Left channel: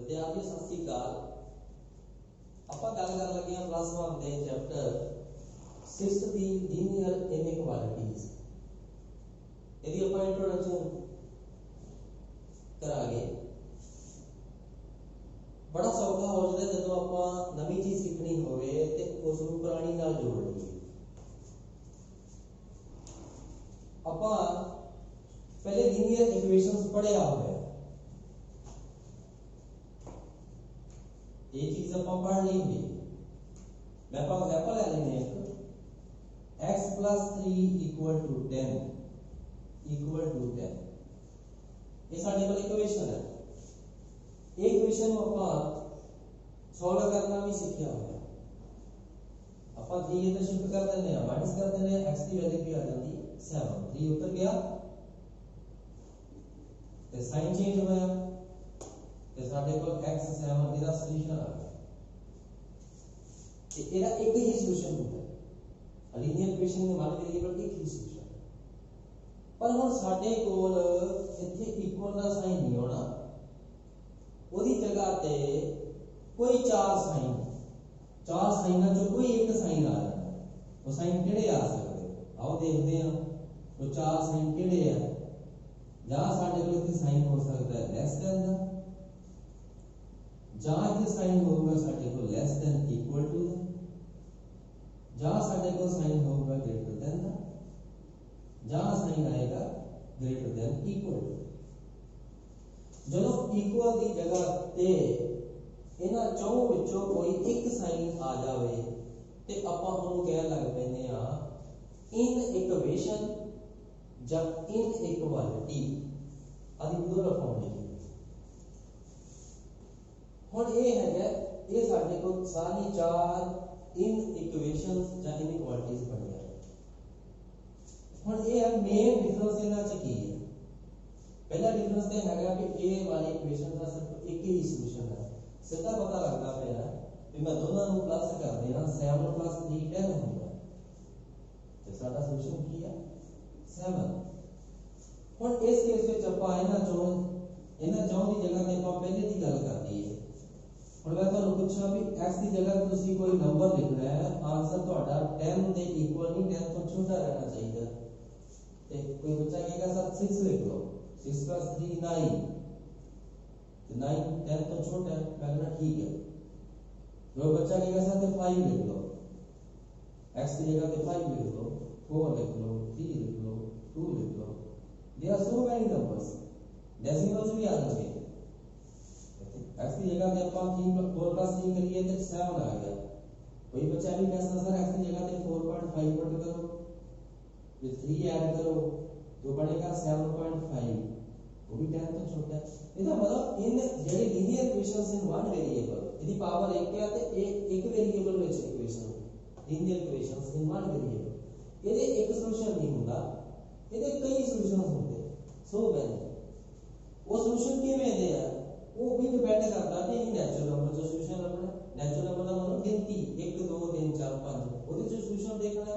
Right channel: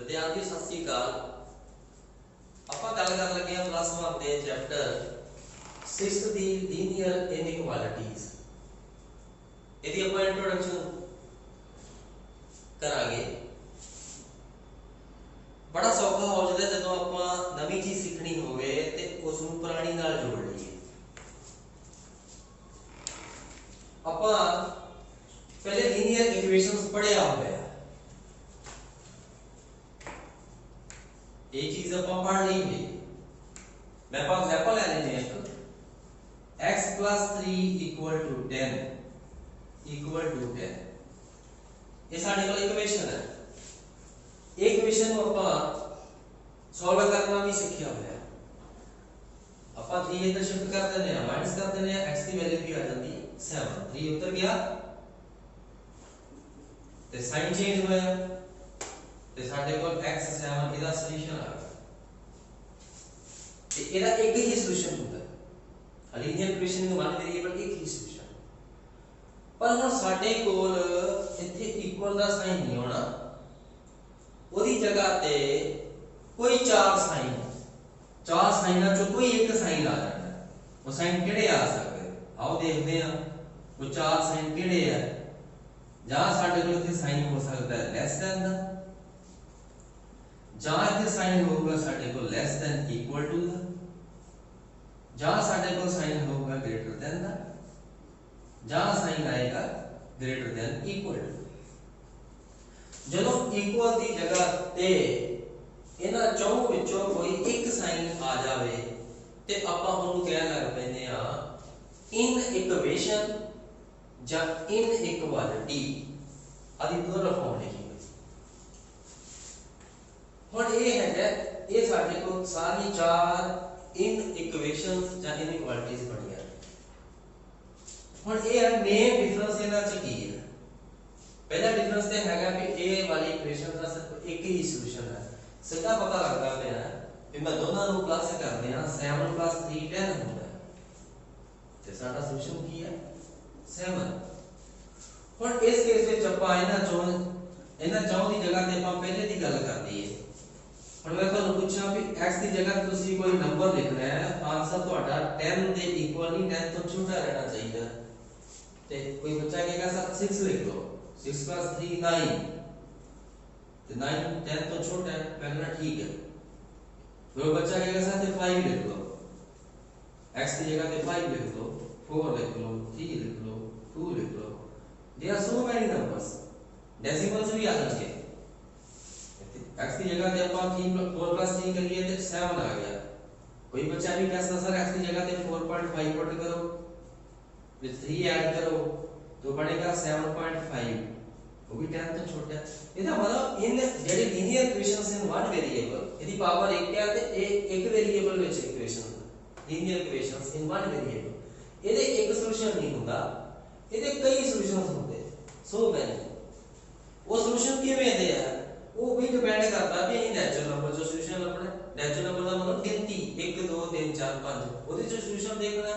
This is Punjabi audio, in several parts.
विद्यार्थी सत श्री अकाल। ਆਪਾਂ ਗੱਲ ਕਰਨ ਲੱਗੇ ਹਾਂ ਪਲੱਸ 1 ਦੇ ਚੈਪਟਰ 6 ਦੀ ਲੀਨੀਅਰ ਇਨਇਕੁਐਲਿਟੀਜ਼। ਇਹਦੀ ਆਪਾਂ ਇੰਟਰੋਡਕਸ਼ਨ ਕਰਾਂਗੇ। बड़ा सौखा हो जाता है जो आप नवी चीज सीखनी होवे ते उसनू पुरानी नाल जोड़ लईए। ਆਪਾਂ पहले लीनियर इक्वेशंस पढ़िया होया, ये चीज आप पढ़ ली हुई। मैं आप एग्जांपल ले लेने हैं। x + 3 = 10 ये साडे कोल इक्वेशन है। इक्वेशन को आप सॉल्व करना भी सीखिया होया। ਆਪਾਂ 3 इधर शिफ्ट कर देने हैं, माइनस कर देने हैं, x की वैल्यू भी आ जाती है 7। 3 उतर गया ते साइन चेंज होया ते साडे कोल x 7 ਇਹਦਾ सॉल्यूशन आ गया। ਤੇ ਇਹਦਾ ਇੱਕ ਹੀ सॉल्यूशन ਹੁੰਦਾ है। लीनियर इक्वेशन में वन वेरिएबल एक ही सॉल्यूशन। पर ਹੁਣ ਸਾਡੇ ਕੋਲ ਇੱਥੇ ਇਕੁਅਲ ਦਾ ਸਾਈਨ ਨਹੀਂ ਹੋਣਾ, ਉਹਦੀ ਜਗ੍ਹਾ ਤੇ ਕੋਈ ਚਾਰ ਸਾਈਨਾਂ ਚੋਂ ਕੋਈ ਇੱਕ ਸਾਈਨ ਆ ਜਾਣਾ। ਉਹ ਸਾਈਨ ਕਿਹੜੇ ਆ ਸਕਦੇ? ਆਓ ਦੇਖਦੇ ਹਾਂ ਉਹ ਚਾਰ ਸਾਈਨ ਕਿਹੜੇ ਆ। ਜਾਂ ਸਾਡੇ ਕੋਲ ਇੱਥੇ ਸਾਈਨ ਹੋ ਸਕਦਾ ਹੈ ਲੈਸ ਦੈਨ ਦਾ, ਜਾਂ ਇੱਥੇ ਸਾਈਨ ਹੋਊਗਾ ਸਾਡੇ ਕੋਲ ਲੈਸ ਦੈਨ ਇਕੁਅਲ ਟੂ ਦਾ, ਜਾਂ ਸਾਡੇ ਕੋਲ ਸਾਈਨ ਹੋਊਗਾ ਗ੍ਰੇਟਰ ਦੈਨ ਦਾ, ਜਾਂ ਸਾਈਨ ਆਏਗਾ ਗ੍ਰੇਟਰ ਦੈਨ ਇਕੁਅਲ ਟੂ। ਜਦੋਂ ਇਕੁਅਲ ਦੀ ਜਗ੍ਹਾ ਤੇ ਇਹਨਾਂ ਚੌਂ ਵਿੱਚੋਂ ਕੋਈ ਇੱਕ ਸਾਈਨ ਆ ਜਾਵੇ ਤੇ ਆਪਾਂ ਉਹਨੂੰ ਕਹਿਣ ਲੱਗ ਪੈਂਦੇ ਆ ਇਨ ਇਕੁਏਸ਼ਨ ਜਾਂ ਇਨ ਇਕੁਐਲਿਟੀ। ਆਦੀ ਪੂਰਾ ਫਾਰਮ ਲਿਖੀ ਹੋਈ। ਹੁਣ ਇਹ ਹੈਗਾ, ਇਹ ਸਾਡੇ ਕੋਲ ਸਾਰੀ ਚਾਰ ਇਨ ਇਕੁਏਸ਼ਨਸ ਜਾਂ ਇਨ ਇਕੁਐਲਿਟੀਜ਼ ਬਣੀਆਂ। ਹੁਣ ਇਹ ਮੇਨ ਡਿਫਰੈਂਸ ਇਹਨਾਂ ਚ ਕੀ ਹੈ? पहला डिफरेंस तो हैगा कि ए वाली इक्वेशन का सिर्फ एक ही सॉल्यूशन है। सीधा पता लगता है कि मैं दोनों को प्लस कर दिया 7 + 3 10 होता है ते साडा सॉल्यूशन की है 7। हुन इस केस ਵਿੱਚ ਆਪਾਂ ਇਹਨਾਂ ਚੌਂ ਦੀ ਜਗ੍ਹਾ ਤੇ ਆਪਾਂ ਪਹਿਲੇ ਦੀ ਗੱਲ ਕਰ ਦਈਏ। ਹੁਣ ਮੈਂ ਤੁਹਾਨੂੰ ਪੁੱਛਾਂ ਵੀ x ਦੀ ਜਗ੍ਹਾ ਤੇ ਤੁਸੀਂ ਕੋਈ ਨੰਬਰ ਲਿਖਣਾ ਹੈ, ਆਨਸਰ ਤੁਹਾਡਾ 10 ਦੇ ਇਕੁਅਲ ਨਹੀਂ 10 ਤੋਂ ਛੋਟਾ ਰਹਿਣਾ ਚਾਹੀਦਾ। ਤੇ ਕੋਈ ਬੱਚਾ ਕਹੇਗਾ ਸਰ 6 लिख लो, 6 + 3 9 तो 9 10 तो छोटा है, मैं कहना ठीक है। वो बच्चा कहेगा सर 5 लिख लो, x की जगह पे 5 लिख लो, 4 लिख लो, 3 लिख लो, 2 लिख लो। There are so many numbers, decimals भी आ जाएंगे। x की जगह पे अपन 4 + 3 करिए तो 7 आ गया। कोई बच्चा भी कहता सर x की जगह पे 4.5 पुट करो, फिर 3 ऐड करो तो बनेगा 7.5, वो भी 10 तो छोटा है। ਇਹਦਾ ਮਤਲਬ ਇਨ ਜਿਹੜੀ linear equations in one variable ਇਹਦੀ ਪਾਵਰ 1 ਹੈ ਤੇ ਇਹ ਇੱਕ ਵੇਰੀਏਬਲ ਵਿੱਚ equation linear equations in one variable ਇਹਦੇ ਇੱਕ ਸੋਲੂਸ਼ਨ ਨਹੀਂ ਹੁੰਦਾ, ਇਹਦੇ ਕਈ ਸੋਲੂਸ਼ਨਸ ਹੁੰਦੇ। ਸੋ ਮੈਨੀ ਉਹ ਸੋਲੂਸ਼ਨ ਕਿਵੇਂ ਦੇ ਆ ਉਹ ਵੀ ਡਿਪੈਂਡ ਕਰਦਾ ਵੀ ਇਹ ਨੈਚੁਰਲ ਨੰਬਰ ਜੋ ਸੋਲੂਸ਼ਨ ਲੱਭਣਾ। ਨੈਚੁਰਲ ਨੰਬਰ ਦਾ ਮਤਲਬ ਗਿਣਤੀ 1 2 3 4 5 ਉਹਦੇ ਚ ਸੋਲੂਸ਼ਨ ਦੇਖਣਾ,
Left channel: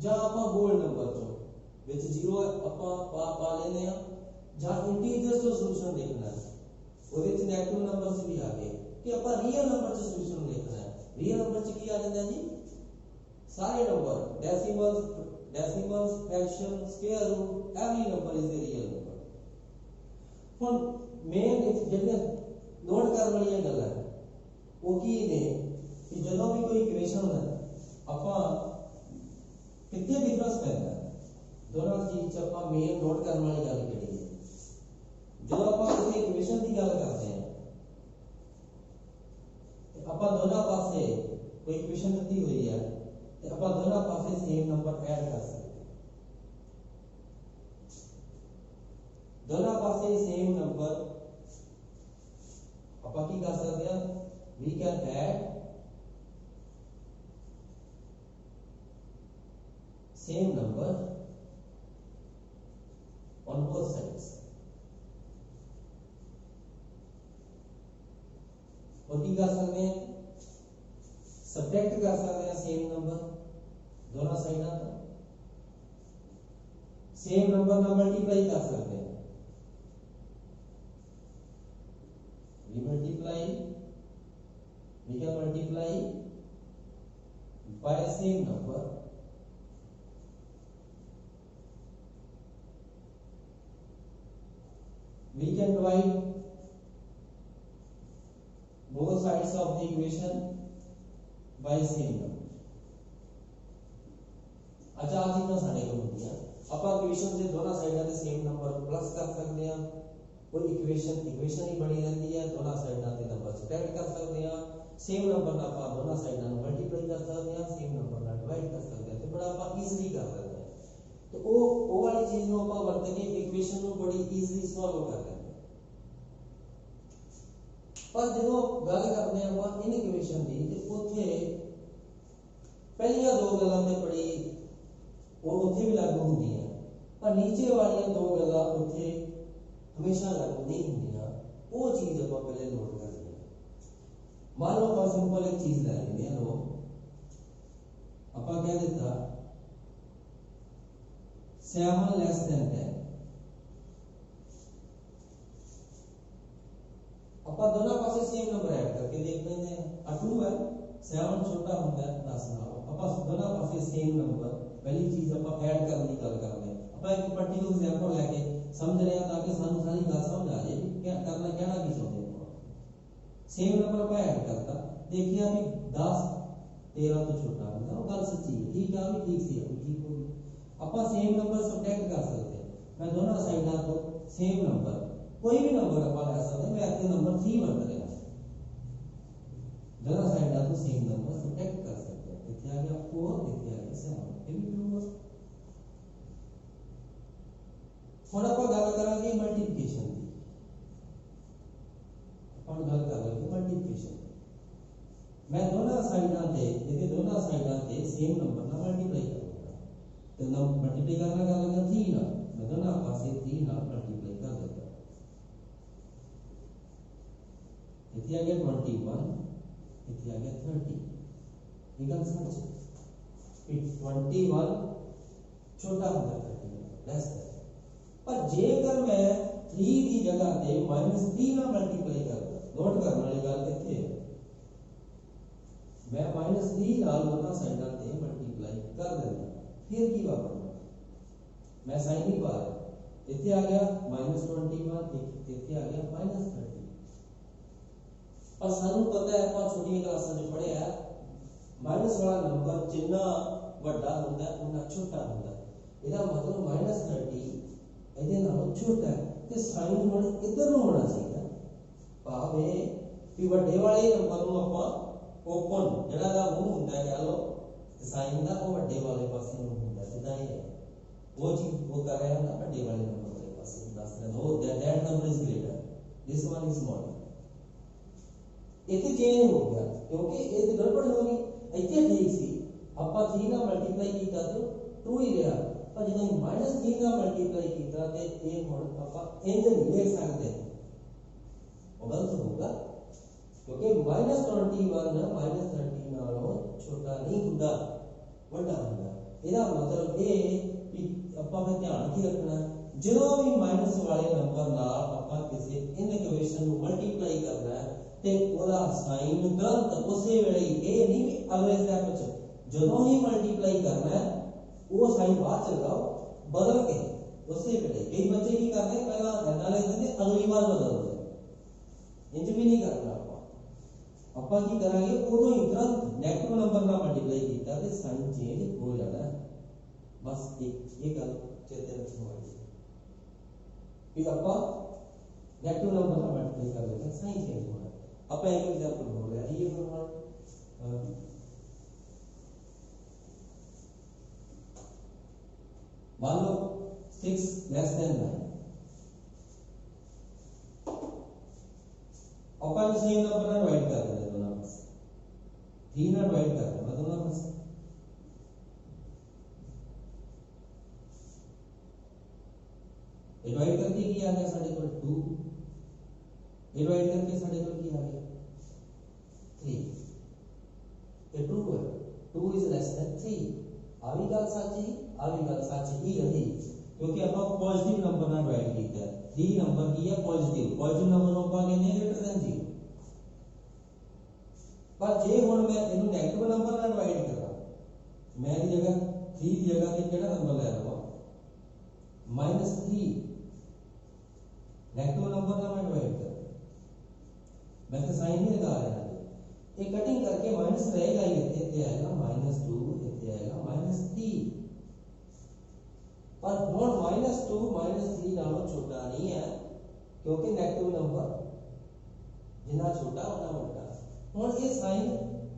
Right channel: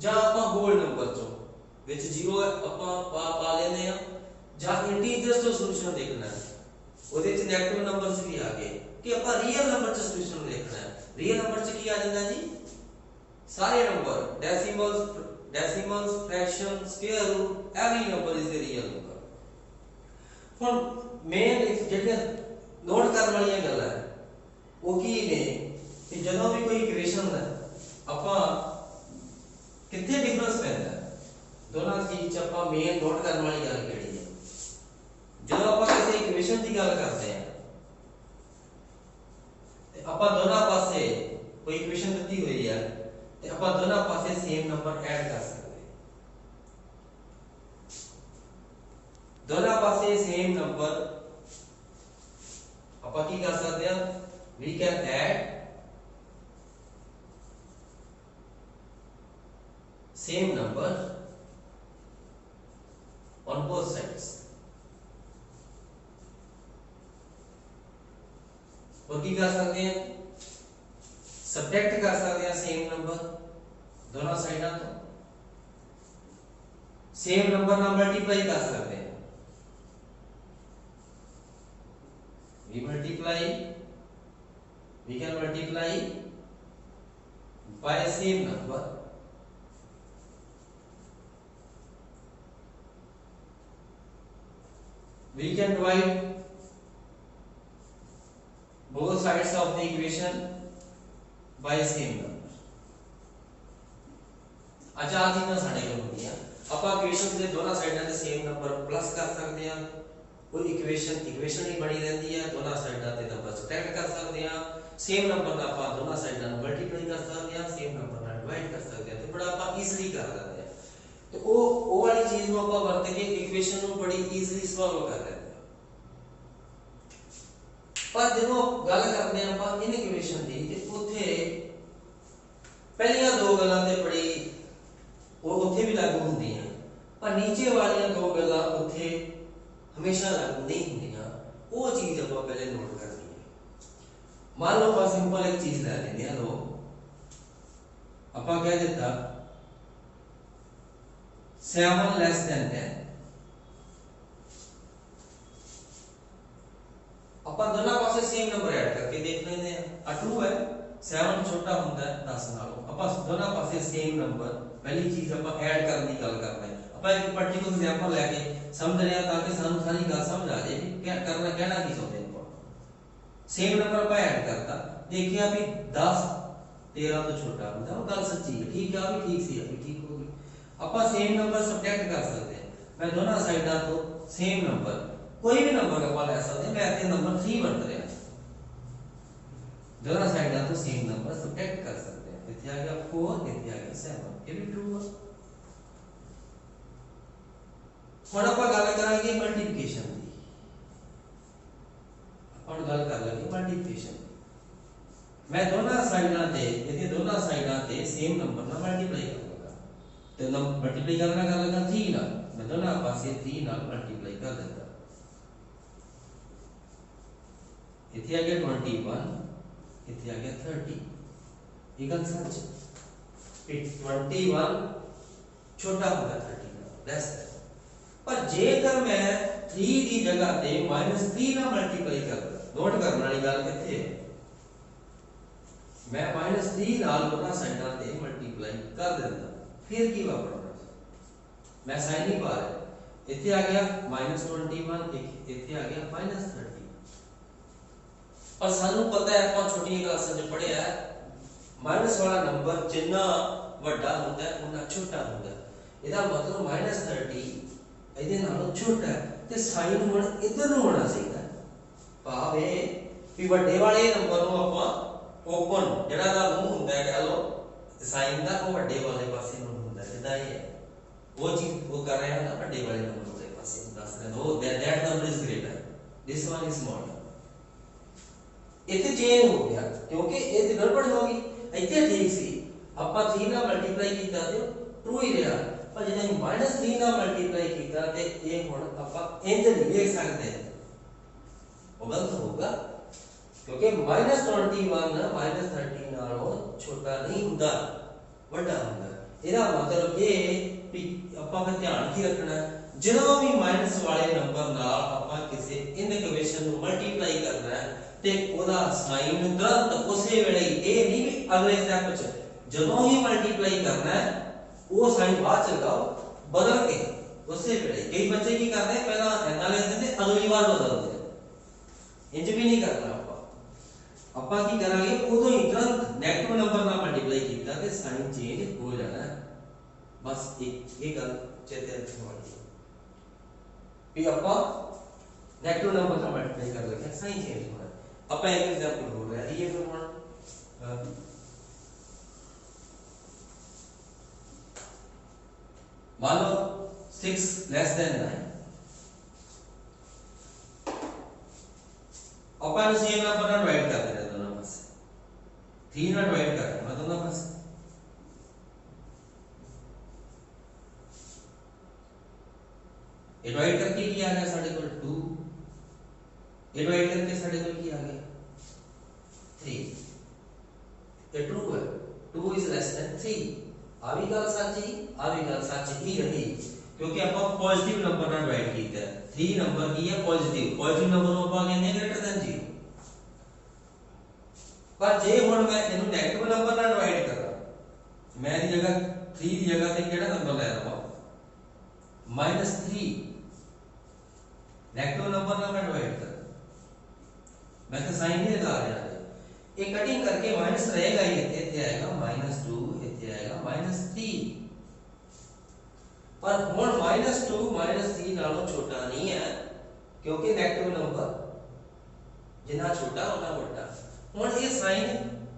ਜਾਂ ਆਪਾਂ ਹੋਲ ਨੰਬਰ ਚੋਂ ਵਿੱਚ 0 ਆਪਾਂ ਪਾ ਲੈਨੇ ਆ, ਜਾਂ ਇੰਟੀਜਰਸ ਤੋਂ ਸੋਲੂਸ਼ਨ ਦੇਖਣਾ ਹੈ ਉਹਦੇ ਚ ਨੈਗੇਟਿਵ ਨੰਬਰਸ ਵੀ ਆ ਗਏ ਕਿ ਆਪਾਂ ਰੀਅਲ ਨੰਬਰ ਚ ਸੋਲੂਸ਼ਨ ਦੇਖਣਾ ਹੈ। ਰੀਅਲ ਨੰਬਰ ਚ ਕੀ ਆ ਜਾਂਦਾ ਜੀ? ਸਾਰੇ number, decimals fraction square root every number is a real number. ਹੁਣ ਮੇਨ ਜਿਹੜੀਆਂ ਨੋਟ ਕਰਨ ਵਾਲੀਆਂ ਗੱਲਾਂ ਉਹ ਕੀ ਨੇ ਕਿ ਜਦੋਂ ਵੀ ਕੋਈ ਇਕੁਏਸ਼ਨ ਦਾ ਆਪਾਂ ਕਿੱਥੇ ਡਿਫਰੈਂਸ ਪੈਂਦਾ दोनों चीज ਆਪਾਂ ਮੇਨ ਨੋਟ ਕਰਨ ਵਾਲੀ ਗੱਲ ਕਿਹੜੀ ਹੈ? ਜਦੋਂ ਆਪਾਂ ਕਿਸੇ ਇਕੁਏਸ਼ਨ ਦੀ ਗੱਲ ਕਰਦੇ ਹਾਂ ਤੇ ਆਪਾਂ ਦੋਨਾਂ ਪਾਸੇ ਕੋਈ ਇਕੁਏਸ਼ਨ ਦਿੱਤੀ ਹੋਈ ਹੈ ਤੇ ਆਪਾਂ ਦੋਨਾਂ ਪਾਸੇ ਸੇਮ ਨੰਬਰ ਐਡ ਕਰ ਸਕਦੇ ਹਾਂ। ਦੋਨਾਂ ਪਾਸੇ ਸੇਮ ਨੰਬਰ ਆਪਾਂ ਕੀ ਕਰ ਸਕਦੇ ਹਾਂ? We can add same number on both sides। और की कर सकते हैं? सब्ट्रैक्ट कर सकते हैं सेम नंबर दोनों साइडों तो, सेम नंबर ना मल्टीप्लाई कर सकते हैं। we can multiply by same number, we can divide both sides of the equation by same number। अच्छा आ चीज़ां साडे कोल होंदियां, ਆਪਾਂ ਇਕੁਏਸ਼ਨ ਦੇ ਦੋਨਾਂ ਸਾਈਡਾਂ ਤੇ ਸੇਮ ਨੰਬਰ ਪਲੱਸ ਕਰ ਸਕਦੇ ਆ, ਕੋਈ ਇਕੁਏਸ਼ਨ ਹੀ ਬਣੀ ਰਹਿੰਦੀ ਹੈ, ਦੋਨਾਂ ਸਾਈਡਾਂ ਤੇ ਨੰਬਰ ਸਬਟ੍ਰੈਕਟ ਕਰ ਸਕਦੇ ਆ, ਸੇਮ ਨੰਬਰ ਨਾਲ ਆਪਾਂ ਦੋਨਾਂ ਸਾਈਡਾਂ ਨੂੰ ਮਲਟੀਪਲਾਈ ਕਰ ਸਕਦੇ ਆ, ਸੇਮ ਨੰਬਰ ਨਾਲ ਡਿਵਾਈਡ ਕਰ ਸਕਦੇ ਆ, ਤੇ ਬੜਾ ਆਪਾਂ ਈਜ਼ੀਲੀ ਕਰ ਲੈਂਦੇ ਆ। ਤੇ ਉਹ ਵਾਲੀ ਚੀਜ਼ ਨੂੰ ਆਪਾਂ ਵਰਤ ਕੇ ਇਕੁਏਸ਼ਨ ਨੂੰ ਬੜੀ ਈਜ਼ੀਲੀ ਸੋਲਵ ਕਰ ਲੈਂਦੇ ਆ। ਪਰ ਜਦੋਂ ਗੱਲ ਕਰਦੇ ਆ ਆਪਾਂ ਇਨ ਇਕੁਏਸ਼ਨ ਦੀ, ਤੇ ਉੱਥੇ ਪਹਿਲੀਆਂ ਦੋ ਗੱਲਾਂ ਤੇ ਬੜੀ ਉਹ ਉੱਥੇ ਵੀ ਲਾਗੂ ਹੁੰਦੀਆਂ, ਪਰ ਨੀਚੇ ਵਾਲੀਆਂ ਦੋ ਗੱਲਾਂ ਉੱਥੇ ਹਮੇਸ਼ਾ ਲਾਗੂ नहीं ਹੁੰਦੀਆਂ। ਉਹ ਚੀਜ਼ ਆਪਾਂ ਪਹਿਲੇ ਨੋਟ ਕਰਨੀ ਹੈ। ਮੰਨ ਲਓ ਆਪਾਂ ਸਿੰਪਲ ਇੱਕ ਚੀਜ਼ ਲੈ ਲੈਂਦੇ ਹਾਂ, ਲੋ ਆਪਾਂ ਕਹਿ ਦਿੱਤਾ 7 less than 10, ਆਪਾਂ ਦੋਨਾਂ ਪਾਸੇ ਸੇਮ ਨੰਬਰ ਐਡ ਕਰਕੇ ਦੇਖ ਲੈਂਦੇ ਆ। 2 ਹੈ, 7 ਛੋਟਾ ਹੁੰਦਾ ਹੈ 10 ਨਾਲੋਂ, ਆਪਾਂ ਦੋਨਾਂ ਪਾਸੇ ਸੇਮ ਨੰਬਰ पहली चीज आप ऐड करने की गल कर रहे हैं। आप एक पर्टिकुलर एग्जांपल लेके समझ रहे हैं ताकि सानू सारी गल समझ आ जाए कि क्या करना कहना की चाहते हैं। सेम नंबर आप ऐड करता, देखिए भी 10 13 तो छोटा होता है, वो गल सच्ची है, ठीक है, भी ठीक सी है, ठीक होगी। आप सेम नंबर सबट्रैक्ट कर सकते हैं। मैं दोनों साइडों तो सेम नंबर कोई भी नंबर आप ले सकते हैं। मैं इतने नंबर 3 बन रहा, दोनों साइडों तो सेम नंबर सबट्रैक्ट कर सकते हैं। इतने आ गया 4, इतने आ गया 7, ये भी ट्रू है। ਹੁਣ ਆਪਾਂ ਗੱਲ ਕਰਾਂਗੇ ਮਲਟੀਪਲੀਕੇਸ਼ਨ ਦੀ। ਆਪਾਂ ਗੱਲ ਕਰ ਲਾਂਗੇ ਮਲਟੀਪਲੀਕੇਸ਼ਨ। ਮੈਂ ਦੋਨਾਂ ਸਾਈਡਾਂ ਤੇ ਇਹਦੇ ਦੋਨਾਂ ਸਾਈਡਾਂ ਤੇ ਸੇਮ ਨੰਬਰ ਨਾਲ ਮਲਟੀਪਲਾਈ ਕਰਾਂਗਾ, ਤੇ ਨੰਬਰ ਮਲਟੀਪਲਾਈ ਕਰਨਾ ਕਰ ਲਾਂਗਾ 3 ਨਾਲ। ਮੈਂ ਦੋਨਾਂ ਪਾਸੇ 3 ਨਾਲ ਮਲਟੀਪਲਾਈ ਕਰ ਦਿੱਤਾ। ਇੱਥੇ ਆ ਗਿਆ 21, ਇੱਥੇ ਆ ਗਿਆ 30। ਇਹ ਗੱਲ ਸੱਚ ਹੈ। 21 छोटा होगा 30 ਨਾਲ ਲੈਸ ਹੈ। ਪਰ ਜੇਕਰ ਮੈਂ 3 ਦੀ ਜਗ੍ਹਾ ਤੇ -3 ਨਾਲ ਮਲਟੀਪਲਾਈ ਕਰਦਾ, ਨੋਟ ਕਰਨ ਵਾਲੀ ਗੱਲ ਕਿੱਥੇ ਹੈ, मैं -3 ਨਾਲ ਦੋਨਾਂ ਸਾਈਡਾਂ ਤੇ ਮਲਟੀਪਲਾਈ ਕਰ ਦਿੰਦਾ, ਫਿਰ ਕੀ ਵਾਪਰਨਾ, ਮੈਂ ਸਾਈਨ ਨਹੀਂ ਪਾ ਰਿਹਾ। ਇੱਥੇ ਆ ਗਿਆ -21, ਇੱਥੇ ਆ ਗਿਆ -30। ਪਰ ਸਾਨੂੰ ਪਤਾ ਹੈ, ਆਪਾਂ ਛੋਟੀਆਂ ਕਲਾਸਾਂ 'ਚ ਪੜ੍ਹਿਆ ਹੈ, ਮਾਈਨਸ ਵਾਲਾ ਨੰਬਰ ਜਿੰਨਾ ਵੱਡਾ ਹੁੰਦਾ ਹੈ ਉਨਾ ਛੋਟਾ ਹੁੰਦਾ ਹੈ। ਇਹਦਾ ਮਤਲਬ -30 ਇਹਦੇ ਨਾਲੋਂ ਛੋਟਾ ਹੈ, ਤੇ ਸਾਈਨ ਹੁਣ ਇੱਧਰ ਨੂੰ ਹੋਣਾ ਚਾਹੀਦਾ। ਭਾਵ ਇਹ ਵੀ ਵੱਡੇ ਵਾਲੇ ਨੰਬਰ ਨੂੰ ਆਪਾਂ ਓਪਨ ਜਿਹੜਾ ਦਾ ਮੂੰਹ ਹੁੰਦਾ ਹੈ ਕਹ ਲਓ ਸਾਈਨ ਦਾ, ਉਹ ਵੱਡੇ ਵਾਲੇ ਪਾਸੇ ਨੂੰ ਹੁੰਦਾ। ਜਿੱਦਾਂ ਇਹ ਹੈ ਉਹ ਚੀਜ਼ ਉਹ ਕਰ ਰਿਹਾ ਨਾ, ਵੱਡੇ ਵਾਲੇ ਨੰਬਰ ਵਾਲੇ ਪਾਸੇ ਦੱਸ ਰਿਹਾ ਉਹ that number is greater, this one is smaller। ਇੱਥੇ ਚੇਂਜ ਹੋ ਗਿਆ ਕਿਉਂਕਿ ਇਹ ਗੜਬੜ ਹੋ ਗਈ। ਇੱਥੇ ਠੀਕ ਸੀ, ਆਪਾਂ 3 ਨਾਲ ਮਲਟੀਪਲਾਈ ਕੀਤਾ ਤੇ ਟਰੂ ਹੀ ਰਿਹਾ, ਪਰ ਜਦੋਂ ਅਸੀਂ -3 ਨਾਲ ਮਲਟੀਪਲਾਈ ਕੀਤਾ ਤੇ ਇਹ ਹੁਣ ਆਪਾਂ ਇੰਜ ਨਹੀਂ ਲਿਖ ਸਕਦੇ, ਉਹ ਗਲਤ ਹੋਊਗਾ। क्योंकि -21 -30 ਨਾਲੋਂ ਛੋਟਾ ਨਹੀਂ ਹੁੰਦਾ, ਵੱਡਾ ਹੁੰਦਾ। ਇਹਦਾ ਮਤਲਬ ਇਹ ਵੀ ਆਪਾਂ ਫਿਰ ਧਿਆਨ ਕੀ ਰੱਖਣਾ, ਜਦੋਂ ਵੀ ਮਾਈਨਸ ਵਾਲੇ ਨੰਬਰ ਨਾਲ ਆਪਾਂ ਕਿਸੇ ਇਨਇਕੁਏਸ਼ਨ ਨੂੰ ਮਲਟੀਪਲਾਈ ਕਰਨਾ ਹੈ ਤੇ ਉਹਦਾ ਸਾਈਨ ਤੁਰੰਤ ਉਸੇ ਵੇਲੇ, ਇਹ ਨਹੀਂ ਵੀ ਅਗਲੇ ਸਟੈਪ 'ਚ, ਜਦੋਂ ਹੀ ਮਲਟੀਪਲਾਈ ਕਰਨਾ ਹੈ ਉਹ ਸਾਈਨ ਬਾਅਦ ਚ ਲਗਾਓ ਬਦਲ ਕੇ ਉਸੇ ਵੇਲੇ। ਕਈ ਬੱਚੇ ਕੀ ਕਰਦੇ ਪਹਿਲਾਂ ਐਦਾਂ ਲਿਖ ਦਿੰਦੇ ਅਗਲੀ ਵਾਰ ਬਦਲਦੇ, ਇੰਜ ਵੀ ਨਹੀਂ ਕਰਨਾ। ਆਪਾਂ ਕੀ ਕਰਾਂਗੇ, ਉਦੋਂ ਹੀ ਤੁਰੰਤ ਨੈਗੇਟਿਵ ਨੰਬਰ ਨਾਲ ਮਲਟੀਪਲਾਈ ਕੀਤਾ ਤੇ ਸਾਈਨ ਚੇਂਜ ਹੋ ਜਾਣਾ। ਬਸ ਇਹ ਗੱਲ ਚੇਤੇ ਰੱਖਣ ਵਾਲੀ ਹੈ ਵੀ ਆਪਾਂ ਨੈਗੇਟਿਵ ਨੰਬਰ ਨਾਲ ਮਲਟੀਪਲਾਈ ਕਰ ਲਿਆ, ਸਾਈਨ ਚੇਂਜ ਹੋਣਾ। ਆਪਾਂ ਇੱਕ ਐਗਜ਼ਾਮਪਲ ਹੋ ਰਿਹਾ ਇਹ ਫਿਰ ਹੁਣ मान लो 6 less than 9, अपन सेम नंबर ना डिवाइड कर देना दोनों पासे, 3 ना डिवाइड कर देना दोनों पासे। ये डिवाइड करके क्या आ गया साढ़े को 2, ये डिवाइड करके साढ़े को क्या आ गया 3। ये ट्रू है, 2 is less than 3। आ भी गल सच्ची, आ भी गल सच ही रही, क्योंकि आप पॉजिटिव नंबर ਨਾਲ ਡਿਵਾਈਡ ਕੀਤਾ। 3 ਨੰਬਰ ਕੀ ਹੈ ਪॉजिटिव, पॉजिटिव नंबर ਨੂੰ ਆਪਾਂ ਕਹਿੰਦੇ ਆ ग्रेटर देन 0। पर जे हुण मैं इहनूं नेगेटिव नंबर नाल डिवाइड करा, मैं दी जगह 3 दी जगह ते किहड़ा नंबर लै लवां -3, नेगेटिव नंबर नाल मैं डिवाइड कर, मैं तो साइन नहीं लगा रहा है, ये कटिंग करके माइनस रहेगा ही, इत्थे आएगा -2, इत्थे आएगा -3, पर हुण -2 -3 नालों छोटा नहीं है, क्योंकि नेगेटिव नंबर जिन्ना छोटा उन्ना वड्डा। हुण ये साइन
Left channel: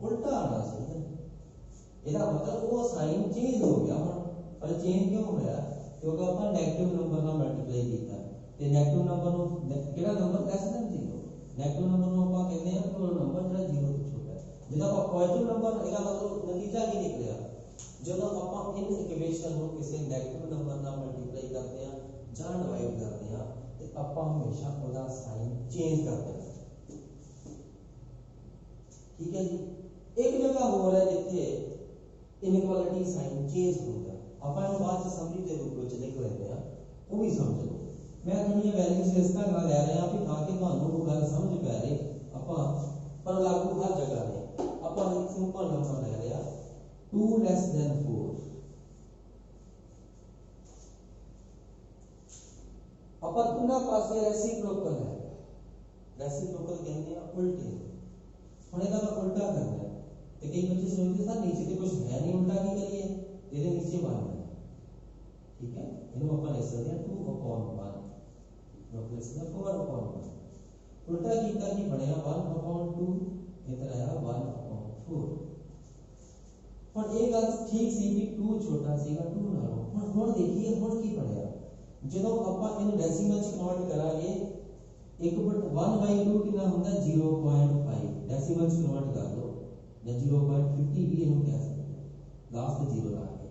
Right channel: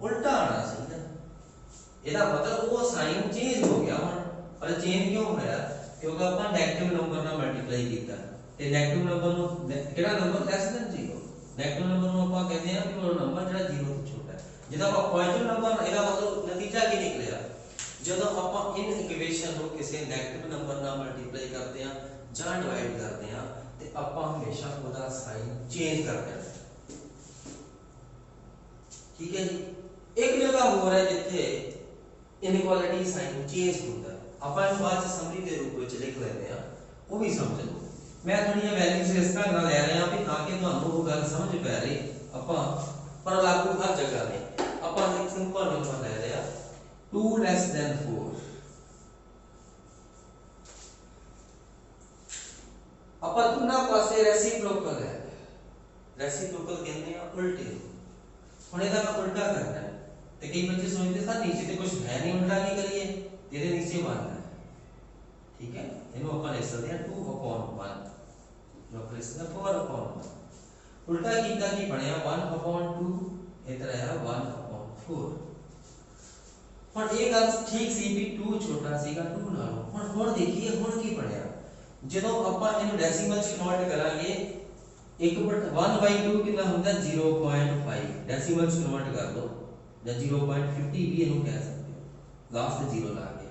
उल्टा आना चाहिए, ਇਹਦਾ मतलब वो साइन चेंज हो गया हुण, पर चेंज क्यों होया, क्योंकि ਆਪਾਂ नेगेटिव नंबर ਨਾਲ ਮਲਟੀਪਲਾਈ ਕੀਤਾ ਤੇ नेगेटिव नंबर ਨੂੰ ਕਿਹੜਾ number less than 0, negative number ਨੂੰ ਆਪਾਂ ਕਹਿੰਦੇ ਆ ਕਿ ਉਹ ਨੰਬਰ ਜਿਹੜਾ 0 ਤੋਂ ਛੋਟਾ ਹੈ। ਜਦੋਂ ਆਪਾਂ ਪੋਜ਼ਿਟਿਵ ਨੰਬਰ, ਇਹਦਾ मतलब ਨਤੀਜਾ ਕੀ ਨਿਕਲਿਆ, ਜਦੋਂ ਆਪਾਂ ਇਨ ਇਕੁਏਸ਼ਨ ਨੂੰ ਕਿਸੇ 네ਗੇਟਿਵ ਨੰਬਰ ਨਾਲ ਮਲਟੀਪਲਾਈ ਕਰਦੇ ਆ ਜਾਂ ਡਿਵਾਈਡ ਕਰਦੇ ਆ ਤੇ ਆਪਾਂ ਹਮੇਸ਼ਾ ਉਹਦਾ ਸਾਈਨ ਚੇਂਜ ਕਰ ਦੇਣਾ। ठीक है जी, एक जगह हो रहा है जिथे इनइक्वालिटी साइन चेंज होता है, ਆਪਾਂ ਇਹਨੂੰ ਬਾਅਦ ਚ ਸਮਰੀ ਦੇ ਰੂਪ ਵਿੱਚ ਲਿਖ ਲੈਂਦੇ ਆ, ਉਹ ਵੀ ਸਮਝ ਲਓ। ਮੈਂ ਥੋੜੀਆਂ ਵੈਲਿਊਜ਼ ਇਸ ਤਰ੍ਹਾਂ ਨਾਲ ਲੈ ਰਿਹਾ ਵੀ ਤਾਂ ਕਿ ਤੁਹਾਨੂੰ ਉਹ ਗੱਲ ਸਮਝ ਪੈ ਰਹੀ, ਆਪਾਂ ਪਰ ਲਾਗੂ ਹਰ ਜਗ੍ਹਾ ਨੇ। ਆਪਾਂ ਇੱਕ ਸਿੰਪਲ ਨੰਬਰ ਲੈ ਲਿਆ 2 less than 4, ਆਪਾਂ ਦੋਨਾਂ ਪਾਸੇ ਰੈਸੀਪ੍ਰੋਕਲ ਹੈ, ਰੈਸੀਪ੍ਰੋਕਲ ਕਹਿੰਦੇ ਆ ਉਲਟੇ। ਹੁਣ ਇਹਦਾ ਮੈਂ ਉਲਟਾ करना है, तो कई बच्चे सोचते सर नीचे तो कुछ है नहीं, उल्टा नहीं करिए, तेरे नीचे 1 है, ठीक है, इनको अपन लिख सकते हैं 2/1, जो अपन लिख सकते हैं 4/1, उल्टा कीता की बनया 1/2, इधर आया 1/4। ਹੁਣ ਇਹ ਗੱਲ ਠੀਕ ਸੀ ਵੀ 2 ਛੋਟਾ ਸੀਗਾ 2 ਨਾਲੋਂ। ਹੁਣ ਦੇਖੀਏ ਹੁਣ ਕੀ ਬਣਿਆ, ਜਦੋਂ ਆਪਾਂ ਇਹਨੂੰ ਡੈਸੀਮਲ ਚ ਕਨਵਰਟ ਕਰਾਂਗੇ 1/2 कितना होता है 0.5, डेसिमल च कन्वर्ट कर दो या 0.50 भी ਇਹਨੂੰ ਕਹਿ ਸਕਦੇ ਹੋ, ਲਾਸਟ 0 ਲਾ ਕੇ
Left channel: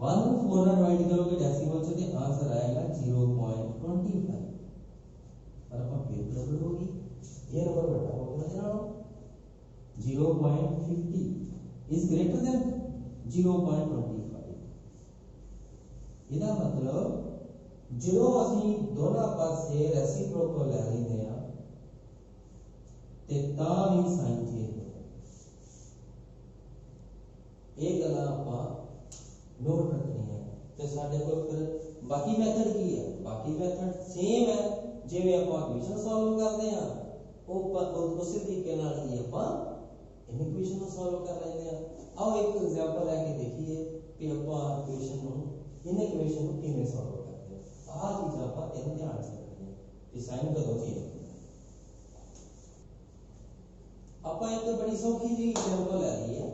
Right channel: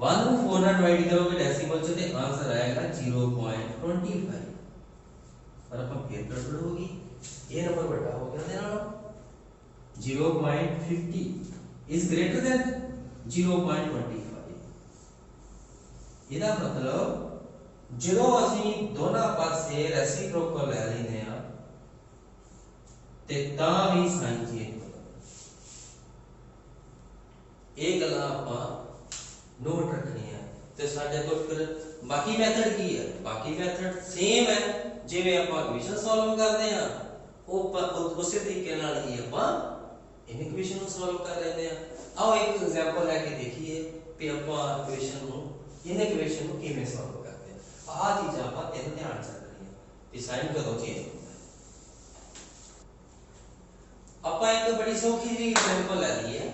1 ਨੂੰ 4 ਨਾਲ ਡਿਵਾਈਡ ਕਰੋਗੇ ਡੈਸੀਮਲ ਚ ਤੇ ਆਨਸਰ ਆਏਗਾ 0.25, ਪਰ ਆਪਾਂ ਫੇਰ ਗੜਬੜ ਹੋ ਗਈ, ਇਹ ਨੰਬਰ ਵੱਡਾ ਹੋ ਗਿਆ, ਦੇ ਨਾਲ 0.50 is greater than 0.25। ਇਹਦਾ मतलब ਜਦੋਂ ਅਸੀਂ ਦੋਨਾਂ ਪਾਸੇ ਰੈਸੀਪ੍ਰੋਕਲ ਲੈ ਲੈਂਦੇ ਆ ਤੇ ਤਾਂ ਵੀ ਸਾਈਨ ਚੇਂਜ ਹੁੰਦਾ। ਇਹ ਗੱਲਾਂ ਆਪਾਂ ਨੋਟ ਰੱਖਣੀਆਂ ਤੇ ਸਾਡੇ ਕੋਲ ਫਿਰ ਬਾਕੀ ਮੈਥਡ ਕੀ ਹੈ, ਬਾਕੀ ਮੈਥਡ ਸੇਮ ਹੈ ਜਿਵੇਂ ਆਪਾਂ ਇਕੁਏਸ਼ਨ ਸੋਲਵ ਕਰਦੇ ਆ, ਉਹ ਉਸੇ ਤਰੀਕੇ ਨਾਲ ਹੀ ਆਪਾਂ ਇਕੁਏਸ਼ਨ ਨੂੰ ਸੋਲਵ ਕਰ ਲੈਂਦੇ ਆ। ਆਓ ਇੱਕ ਐਗਜ਼ਾਮਪਲ ਲੈ ਕੇ ਦੇਖੀਏ ਕਿ ਆਪਾਂ ਇਕੁਏਸ਼ਨ ਨੂੰ ਇਕੁਏਸ਼ਨ ਨੂੰ ਕਿਵੇਂ ਸੋਲਵ आ चीज आप ध्यान से रखनी है कि साइन कदों चेंज होता है। आप एक बड़ी सौखी जी एग्जांपल ले ली है,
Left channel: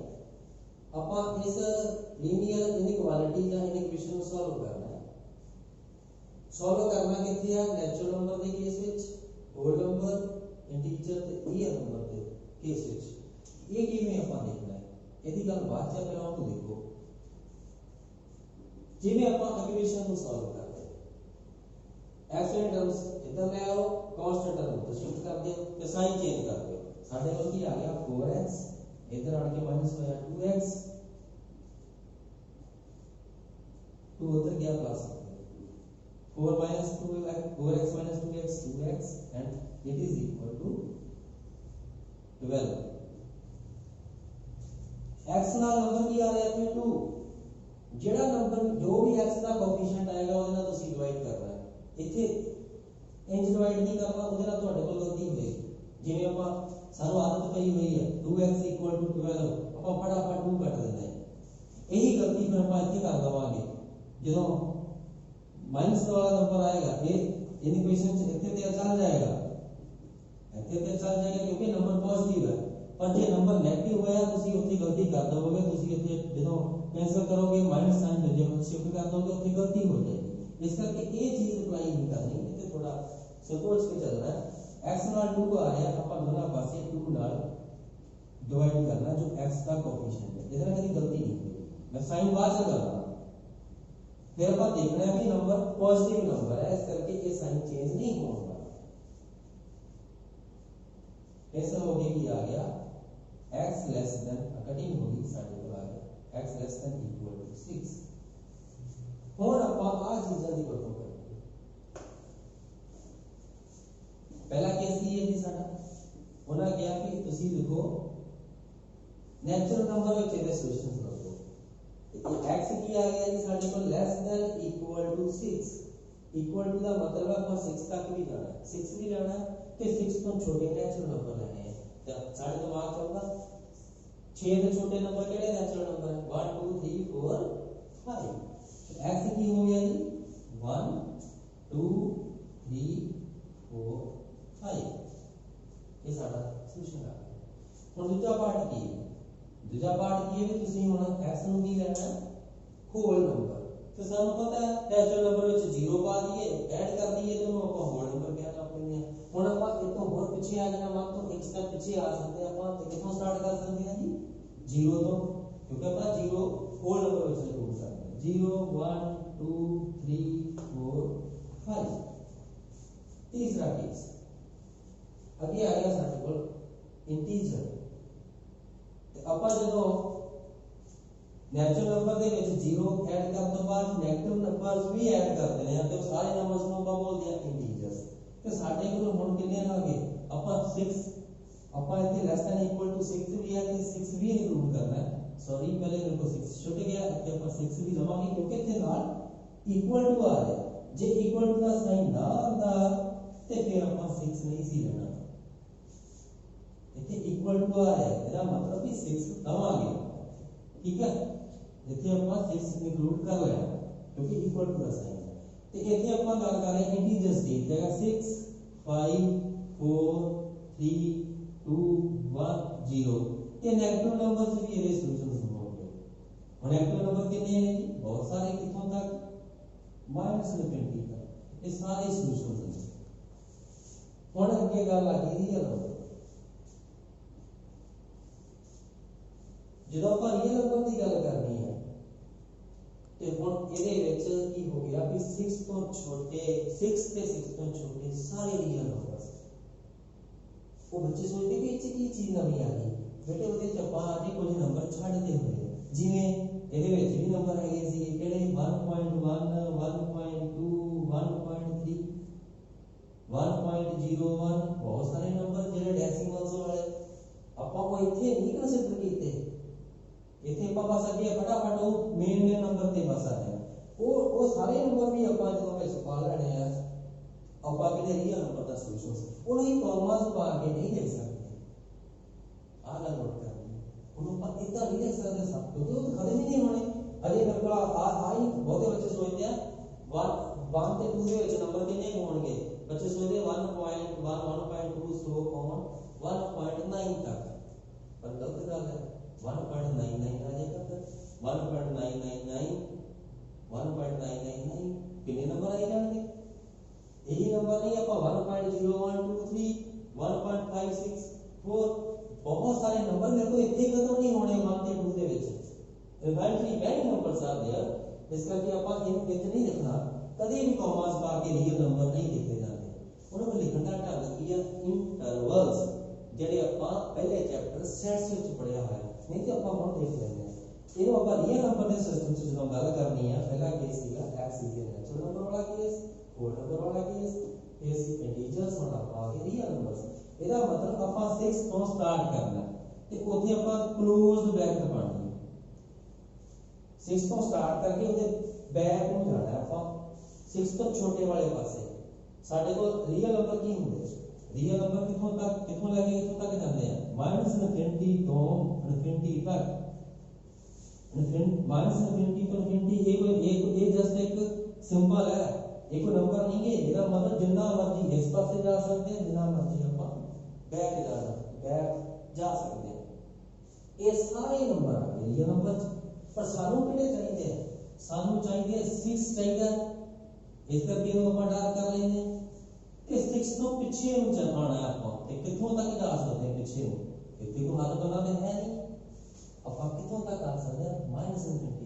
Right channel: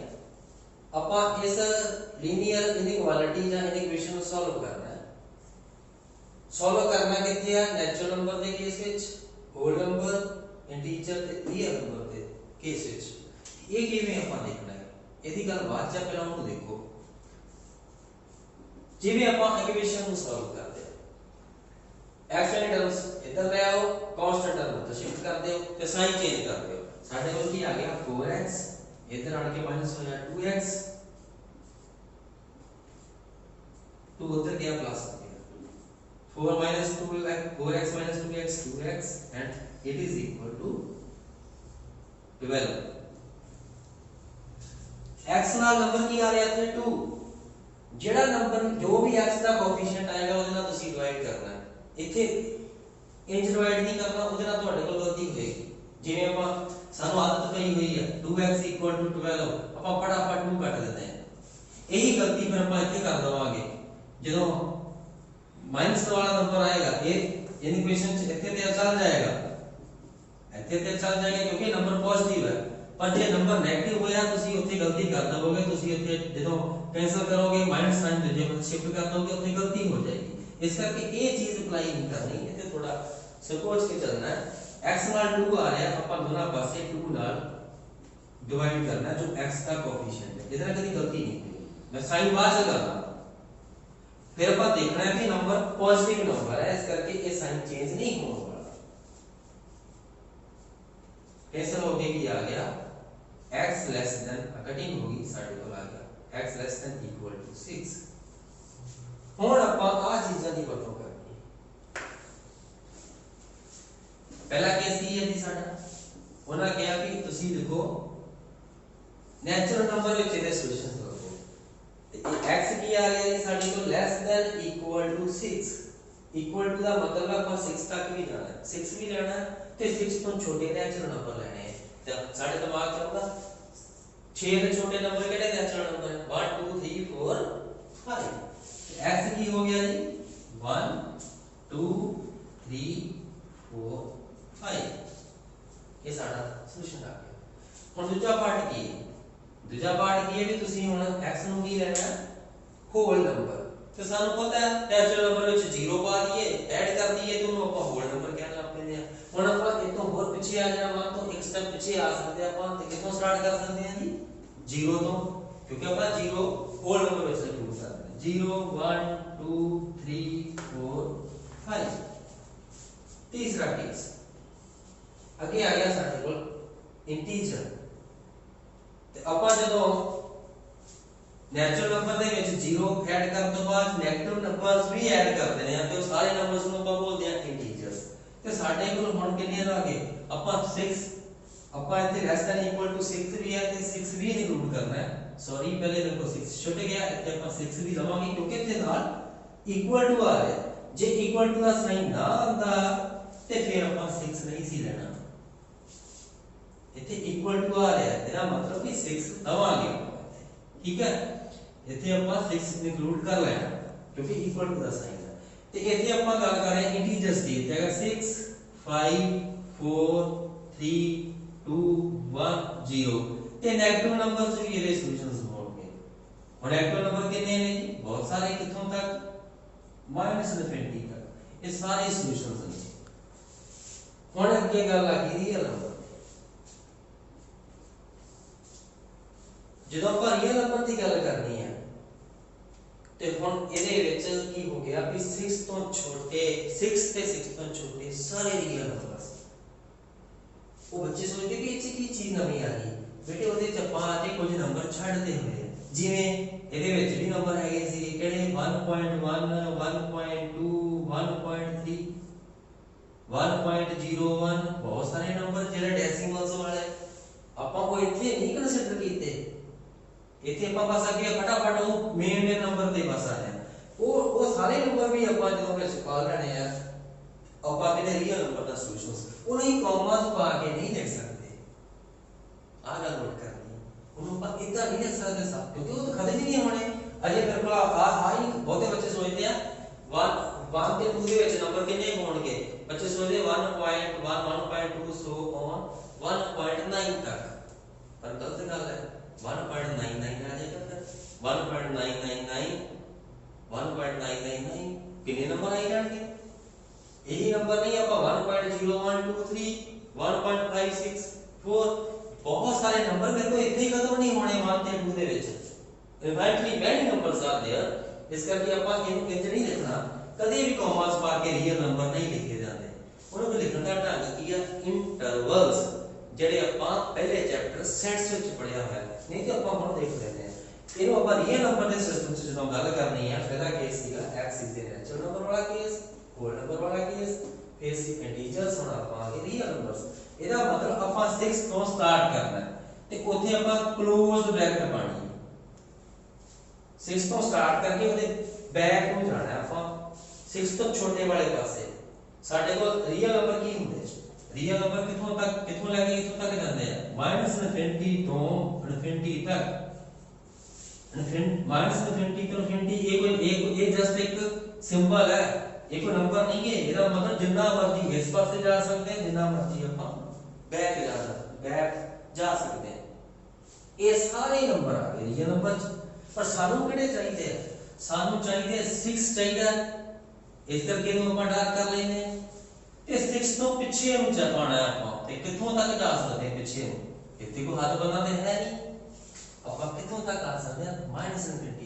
आप इस लीनियर इनइक्वालिटी या इक्वेशन को सॉल्व करना है। सॉल्व करना कितने है, नेचुरल नंबर के केस विच, होल नंबर, इंटीजर ते रियल नंबर के केस विच। ये किवें आप देखना है, ਇਹਦੀ ਗੱਲ ਬਾਅਦ ਚ ਪਹਿਲਾਂ ਉਹਨੂੰ ਦੇਖੋ। ਜਿਵੇਂ ਆਪਾਂ ਇਕੁਏਸ਼ਨ ਨੂੰ ਸੋਲਵ ਕਰਦੇ एक्स वाली टर्म्स इधर ले आओ, कांस्टेंट टर्म तो शिफ्ट कर दो ते साइन चेंज कर दो। साडे कोल की आ गया 4x, इधर आड़ के माइनस हो गया 2x, 2 उधर गया प्लस हो गया 4 minus 2 like 4x minus 2x 2x and it is equal to 12। x ਨਾਲ ਨੰਬਰ ਕੀ ਆ ਰਿਹਾ ਇੱਥੇ 2, ਜਿਹੜਾ ਨੰਬਰ ਜੋ ਵੀ x ਦਾ ਕੋਐਫੀਸ਼ੀਐਂਟ ਆਏਗਾ ਉਹਦੇ ਨਾਲ ਤੁਸੀਂ ਡਿਵਾਈਡ ਕਰਨਾ। ਇੱਥੇ ਇੰਜ ਡਿਵਾਈਡ ਨਹੀਂ ਕਰਨਾ, ਉਹਦੇ ਨਾਲ ਤੁਹਾਡੇ ਕੋਲ ਗਲਤੀ ਹੋਏਗੀ। ਜਿਵੇਂ ਆਪਾਂ ਸਾਨੂੰ ਆਦਤ ਪਈ ਹੋਈ ਹੈ 2x 12, ਆਪਾਂ ਫਟਾਫਟ 2 ਕੱਟ ਦਿੰਦੇ ਆ, ਇਹੀ ਗਲਤੀ ਫਿਰ ਆਪਾਂ ਇੱਥੇ ਕਰ ਦਵਾਂਗੇ। ਜਦੋਂ ਮਾਈਨਸ ਵਾਲਾ ਨੰਬਰ ਆਏਗਾ ਇਹ ਇਕੁਏਸ਼ਨ ਚ ਇੱਥੇ ਤੇ ਚੱਲ ਜਾਏਗਾ, ਇੱਥੇ ਤੇ ਚੱਲ ਜਾਏਗਾ ਕਿਉਂਕਿ ਨੰਬਰ ਪੋਜ਼ਿਟਿਵ ਹੈ। ਪਰ ਜੇ ਨੰਬਰ 네ਗੇਟਿਵ ਹੋਇਆ ਤੁਸੀਂ ਉੱਥੇ ਗਲਤੀ ਕਰ ਦਵੋਗੇ, ਤੁਸੀਂ ਉੱਥੇ ਜਦੋਂ ਕੈਂਸਲ ਕਰੋਗੇ ਮਾਈਨਸ ਸਾਈਨ ਦੂਜੇ ਪਾਸੇ ਸ਼ਿਫਟ ਕਰ ਦੋਗੇ, ਉੱਥੇ ਗਲਤੀ ਹੋ ਜਾਏਗੀ। इस करके ये चीज अप्लाई नहीं करनी, इथे थोड़ा सोच के चलना है। x नाल 2 आ रहा है, अपन दोनों पासे 2 नाल डिवाइड करना है जो x का कोएफिशिएंट है, इधर कभी गलती नहीं हुई, मैं साइन बाद से कर रहा हूं। फिर अपन देखना है कि नंबर पॉजिटिव नंबर है, इस करके ये साइन चेंज नहीं होने वाला। कैंसिल हो गया, कि आ गया x लेस देन, कटिंग होगी साइड को आ गया x less than equal to 6। ਹੁਣ ਆਪਾਂ ਆ ਚੀਜ਼ਾਂ ਦੀ ਵਰਤੋਂ ਕਰਨੀ ਹੈ। ਪਹਿਲਾ ਕੇਸ ਕੀ ਹੈ ਜੀ ਸਾਡਾ, ਉਹਨਾਂ ਕਿਹਾ ਵੀ ਤੁਸੀਂ ਦੇਖੋ ਨੈਚੁਰਲ ਨੰਬਰ ਵਿੱਚ ਇਹਦੇ ਸੋਲੂਸ਼ਨਸ ਲੱਭੋ ਤੇ ਇਹ x ਕੀ ਆ ਗਿਆ ਜੀ ਸਾਡੇ ਕੋਲ less than equal to 6 equal to ਦਾ ਮਤਲਬ ਆਪਾਂ 6 ਤੱਕ ਵੀ ਜਾਣਾ 6 ਵੀ ਲੈਣਾ ਤੇ 6 ਤੋਂ ਛੋਟੇ ਨੈਚੁਰਲ ਨੰਬਰ ਲੈਣੇ ਆ ਤੇ ਸਾਡੇ ਦਿਮਾਗ ਚ ਆਉਂਦਾ 6 ਦੇ ਛੋਟੇ ਨੰਬਰ ਕਿਹੜੇ ਨੈਚੁਰਲ ਨੰਬਰ ਹੈ 1 2 3 4 5 x ਕੀ ਹੋ ਗਿਆ ਜੀ 1 2 3 4 5 ਇਹ ਸਾਡਾ ਸੋਲੂਸ਼ਨ ਆ ਗਿਆ ਹੁਣ ਦੂਜਾ ਪਾਰਟ ਕੀ ਹੈ ਦੂਜਾ ਪਾਰਟ ਕੀ ਹੈ ਵੀ ਤੁਸੀਂ ਹੁਣ x ਨੂੰ ਕੀ ਲੈਣਾ ਹੋਲ ਨੰਬਰ ਤੇ ਸਾਨੂੰ ਪਤਾ ਹੈ ਨੈਚੁਰਲ ਨੰਬਰ ਵਿੱਚ 0 ਪਾ ਦਈਏ ਐਡ ਕਰ ਦਈਏ ਤੇ ਉਹਨੂੰ ਆਪਾਂ ਹੋਲ ਨੰਬਰ ਕਹਿਣ ਲੱਗ ਪੈਂਦੇ ਆ ਹੁਣ ਆਪਾਂ ਇਹ ਤੋਂ ਹੋਰ ਪਿੱਛੇ ਆ ਜਾਣਾ ਮਨ ਤੋਂ ਇੱਕ ਸਟੈਪ ਪਿੱਛੇ ਆ ਸਕਦੇ ਆਪਾਂ ਤੇ ਕਿੱਥੋਂ ਸਟਾਰਟ ਕਰ ਸਕਦੇ ਹਾਂ ਜੀ 0 ਤੋਂ ਕਿਉਂਕਿ ਆਪਾਂ 0 ਹੋਲ ਨੰਬਰ ਵਿੱਚ ਇੰਕਲੂਡ ਕਰਦੇ ਹਾਂ 0 1 2 3 4 5 तीसरा केस ਅੱਗੇ ਆ ਗਿਆ ਸਾਡੇ ਕੋਲ ਇੰਟੀਜਰ ਤੇ ਆਪਾਂ ਜਦੋਂ ਨੈਚੁਰਲ ਨੰਬਰ ਦੇ ਵਿੱਚ 0 ਐਡ ਕਰਨ ਤੋਂ ਬਾਅਦ ਨੈਗੇਟਿਵ ਨੰਬਰਸ ਵੀ ਐਡ ਕਰ ਦੇਣੇ ਆ ਤੇ ਉਹ ਸਾਰੇ ਨੰਬਰਸ ਨੂੰ ਆਪਾਂ ਬੋਲਦੇ ਆ ਇੰਟੀਜਰਸ ਤੇ ਸਾਡੇ ਕੋਲ ਹੁਣ ਕਿੰਨੇ ਆ ਗਏ ਆਪਾਂ 6 ਆਪਾਂ ਇੱਥੇ ਲੈਸ ਦੈਨ ਇਕੁਅਲ ਟੂ 6 ਵੀ ਹੈ ਤੇ 6 ਵੀ ਇਨਕਲੂਡ ਕਰਨਾ ਹੈ ਸੌਰੀ ਪਹਿਲੇ ਦੇਖੋ 6 ਛੁੱਟ ਗਿਆ ਇੱਥੇ ਆਪਾਂ 6 ਵੀ ਲਵਾਂਗੇ ਕਿਉਂਕਿ ਇੱਥੇ ਨਾਲ ਇਕੁਅਲ ਟੂ ਆ ਰਿਹਾ ਜੇ ਇਕੁਅਲ ਟੂ ਦਾ ਸਾਈਨ ਨਾ ਆਉਂਦਾ ਤੇ ਫਿਰ ਆਪਾਂ 6 ਨਹੀਂ ਸੀ ਲੈਣਾ ਇੱਥੇ ਇਕੁਅਲ ਟੂ ਆ ਰਿਹਾ ਇਹਦਾ ਮਤਲਬ ਕਿ 6 ਦਵਾਂਗੇ ਠੀਕ ਹੈ ਇੱਥੇ ਆਪਾਂ 6 ਇਨਕਲੂਡ ਕਰ ਲੈਣਾ ਕਿਉਂਕਿ ਇਕੁਅਲ ਟੂ ਦਾ ਸਾਈਨ ਹੈ ਤੇ ਇੱਥੇ ਆਪਾਂ ਗੱਲ ਕਰ ਰਹੇ ਹਾਂ ਇੰਟੀਜਰਸ ਦੀ ਤੇ ਹੈਗਾ 6 5 4 3 2 1 0 ਤੇ ਨੈਗੇਟਿਵ ਨੰਬਰਸ ਵੀ ਇਹਦੇ ਸੋਲੂਸ਼ਨਸ ਹੋਣਗੇ ਹੁਣ ਨੈਗੇਟਿਵ ਨੰਬਰ ਕਿੰਨੇ ਨੇ ਜੀ ਬਹੁਤ ਸਾਰੇ ਕਿੱਥੋਂ ਤੱਕ -20 ਤੱਕ ਇਹ ਸਾਰੇ ਸੋਲੂਸ਼ਨਸ ਨੇ ਹੁਣ ਅੱਗੇ ਗੱਲ ਆ ਗਈ ਰੀਅਲ ਨੰਬਰ ਜਦੋਂ ਆਪਾਂ ਰੀਅਲ ਨੰਬਰ ਦੀ ਗੱਲ ਕਰਨੀ ਹੈ ਤੇ ਹੁਣ ਇਹਦੇ ਵਿੱਚ ਕੀ ਹੋ ਗਿਆ ਵੀ 6 ਤੋਂ ਛੋਟੇ 6 ਤੇ 6 ਤੋਂ ਛੋਟੇ ਸਾਰੇ ਰੀਅਲ ਨੰਬਰਸ ਉਹ ਬੱਚੇ ਸੋਚਦੇ ਕਿ ਇਹ 'ਚ ਕੀ ਚੀਜ਼ ਨਵੀਂ ਆ ਗਈ ਬੇਟੇ ਉਹਦੇ ਚ ਆਪਾਂ ਅੱਜ ਕੁਝ ਨੰਬਰ ਛੱਡਦੇ ਹੋਏ ਜਿਵੇਂ ਇਹਦੇ ਵਿੱਚ ਵੀ ਨੰਬਰ ਹੈਗੇ ਸੀ ਕਿਹੜੇ 1.1 1.2 1.3 1.01 ਬਹੁਤ ਸਾਰੇ ਨੰਬਰ ਜਿਹੜੇ ਡੈਸੀਮਲਸ ਵਾਲੇ ਆਪਾਂ ਉਹ ਇੱਥੇ ਨਹੀਂ ਕੰਸੀਡਰ ਕੀਤੇ ਇੱਥੇ ਆਪਾਂ ਬਸ ਅੱਗੇ ਫਟਾਫਟ ਉਹ ਮੇਨ ਨੰਬਰ ਤੇ ਬਸ ਆ ਜਾਏ ਉਹ ਸਾਰੇ ਨੰਬਰ ਵੀ ਆਪਾਂ ਜਦੋਂ ਵਿੱਚ ਪਾ ਲੈਣੇ ਆ ਆਪਾਂ ਕਿਤੇ ਰੀਅਲ ਨੰਬਰ ਦਾ ਸੋਲੂਸ਼ਨਸ ਉਹ ਨਹੀਂ ਕੌਮਾਸ ਪਾ ਕੇ ਨਹੀਂ ਲਿਖ ਸਕਦੇ ਆ ਗੱਲ ਨੋਟ ਕਰਨੀ ਉਹਨੂੰ ਆਪਾਂ ਇਦਾਂ ਨਹੀਂ ਲਿਖ ਸਕਦੇ ਸਭ ਕਿਉਂਕਿ ਉਹ ਤਾਂ ਖਤਮ ਹੀ ਨਹੀਂ ਹੋਣੇ ਅਜੇ ਫਿਰ ਕੋਲ ਆ ਹੀ ਬਹੁਤੇ ਬੱਚੇ ਸੋਚਦੇ ਆ 1 ਤੇ 2 ਦੇ ਵਿੱਚ ਨੰਬਰ ਕਿੰਨੇ ਹੋਣਗੇ ਬੱਚੇ ਸੋਚਦੇ 1.1 1.2 ਸੋ ਔਨ 1.9 ਤੱਕ ਪਰ ਗਲਤ ਗੱਲ ਹੈ 1.99 ਆ ਜਾਏਗਾ ਫਿਰ 1.999 1.999 ਕਿੰਨੇ ਨੰਬਰ ਆਈ ਜਾਣਗੇ ਇਹੀ ਨੰਬਰ ਨਹੀਂ ਆਪਾਂ 1.0123 1.564 ਬਹੁਤ ਸਾਰੇ ਨੰਬਰ ਮੇਰੇ ਕੋਲ ਇੱਥੇ ਹੀ ਖਤਮ ਨਹੀਂ ਹੋਣੇ 1 ਤੇ 2 ਦੇ ਵਿੱਚ ਇਵੈਂਟਲੀ ਮੈਨੀ ਨੰਬਰਸ ਆਰ देयर ਇਸ ਕਰਕੇ ਆਪਾਂ ਇਹਨੂੰ ਇੰਜ ਨਹੀਂ ਲਿਖਣਾ ਕਦੇ ਵੀ ਕੌਮਾਸ ਪਾ ਕੇ ਰੀਅਲ ਨੰਬਰ ਨਹੀਂ ਲਿਖੇ ਜਾਂਦੇ ਉਹਨੂੰ ਲਿਖਣ ਦਾ ਢੰਗ ਕੀ ਆ ਇੰਟਰਵਲਸ ਜਿਹੜੇ ਆਪਾਂ ਪਹਿਲੇ ਚੈਪਟਰ ਸੈਟਸ ਵਿੱਚ ਪੜਿਆ ਹੋਇਆ ਨਹੀਂ ਤੇ ਆਪਾਂ ਹੁਣ ਦੇਖ ਲੈਂਦੇ ਆ ਇਹਨੂੰ ਆਪਾਂ ਰੀਅਲ ਨੰਬਰ ਦੇ ਸਿਸਟਮ 'ਚ ਜਦੋਂ ਗੱਲ ਕਰਨੀ ਹੈ ਪਹਿਲਾ ਕੇਸ ਸੀਗਾ x is the natural number ਵਾਲਾ ਕੇਸ ਹੋਲ ਨੰਬਰ ਵਾਲਾ ਕੇਸ ਫਿਰ ਸੀ ਇੰਟੀਜਰਸ ਹੁਣ ਆਪਾਂ ਰੀਅਲ ਨੰਬਰਸ ਇਹਦਾ ਮਤਲਬ ਆਪਾਂ 6 ਤੋਂ ਸਟਾਰਟ ਕਰਨਾ ਤੇ ਉੱਥੇ ਆਪਾਂ ਕਲੋਜ਼ਡ ਬ੍ਰੈਕਟ ਪਾਣੀ ਹੈ 6 ਤੋਂ ਸਟਾਰਟ ਕਰਕੇ ਉਹਦੇ ਬੈਕ ਨੂੰ ਜਾਣਾ ਆਪਾਂ 6 ਤੋਂ ਛੋਟੇ ਵਾਲੇ ਪਾਸੇ ਸਾਡੇ ਕੋਲ ਰੀਅਲ ਨੰਬਰ ਕੀ ਹੁੰਦੇ ਰੀਅਲ ਨੰਬਰ ਕਿੱਥੋਂ ਲੈ ਕੇ ਕਿੱਥੋਂ ਤੱਕ ਜਾਂਦੇ ਆ -20 ਤੋਂ ∞ ਤੱਕ -20 ਤੋਂ ∞ ਇਹ ਜਸਟ ਇੱਕ ਸਿੰਬਲ ਹੈ ਇਹ ਕੋਈ ਨੰਬਰ ਨਹੀਂ ਹੈ ਇਹਦਾ ਮਤਲਬ ਜਿੰਨਾ ਮਰਜ਼ੀ ਇਸ ਪਾਸੇ ਜਾ ਸਕਦੇ ਹਾਂ ਜਿੰਨਾ ਮਰਜ਼ੀ ਆਪਾਂ ਬੈਕ ਜਾ ਸਕਦੇ ਹਾਂ ਇਹ ਸਾਰੇ ਨੰਬਰ ਆ ਗਏ ਰੀਅਲ ਨੰਬਰ ਪਰ ਸਾਨੂੰ ਕਿਹੜੇ ਚਾਹੀਦੇ ਆ ਸਾਨੂੰ ਚਾਹੀਦੇ 6 ਚਾਹੀਦਾ ਇਸ ਕਰਕੇ ਇਹਨੂੰ ਆਪਾਂ ਡਾਰਕ ਕਰ ਲੈਂਦੇ ਹਾਂ ਤੇ 6 ਤੋਂ ਪਿੱਛੇ ਨੂੰ ਜਾਣਾ ਆਪਾਂ ਤੇ ਕਿੱਥੋਂ ਤੱਕ ਜਾ ਸਕਦੇ ਹਾਂ ਪਿੱਛੇ ਨੂੰ ਇੱਥੇ ਕੋਈ ਹੱਦ ਬੰਨਾ ਤੇ ਹੈ ਨਹੀਂ ਆਪਾਂ ਕਿੱਥੋਂ ਤੱਕ ਆ ਸਕਦੇ ਹਾਂ -20 ਤੱਕ